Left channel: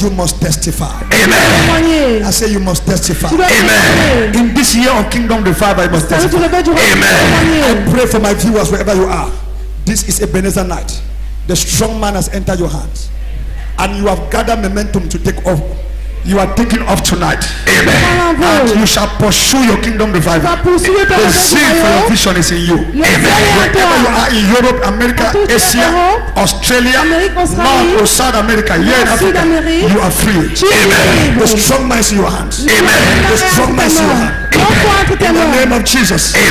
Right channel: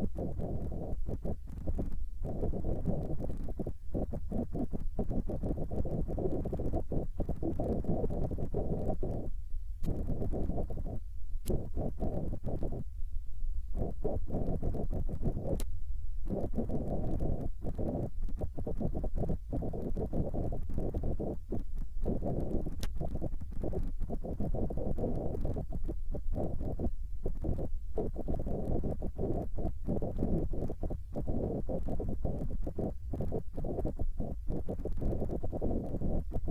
You must testify. Amen. I say you must testify. Amen. In this year of Kingdom Revival, you must testify. Amen. I pray for my viewers wherever you are. This is Ebenezer night. The strong man has entered your hands, and you have gathered momentum to take off. You are taking off tonight. Amen. And you shall pursue your Kingdom Revival. The zeal for your vision is in you. Amen. Wherever you are in Europe, America, Asia, Australia, North or South America, here in Africa, you are free. Amen. The strong man is in your hands. Amen. The strong man is in your hands. In the name of Jesus. Amen.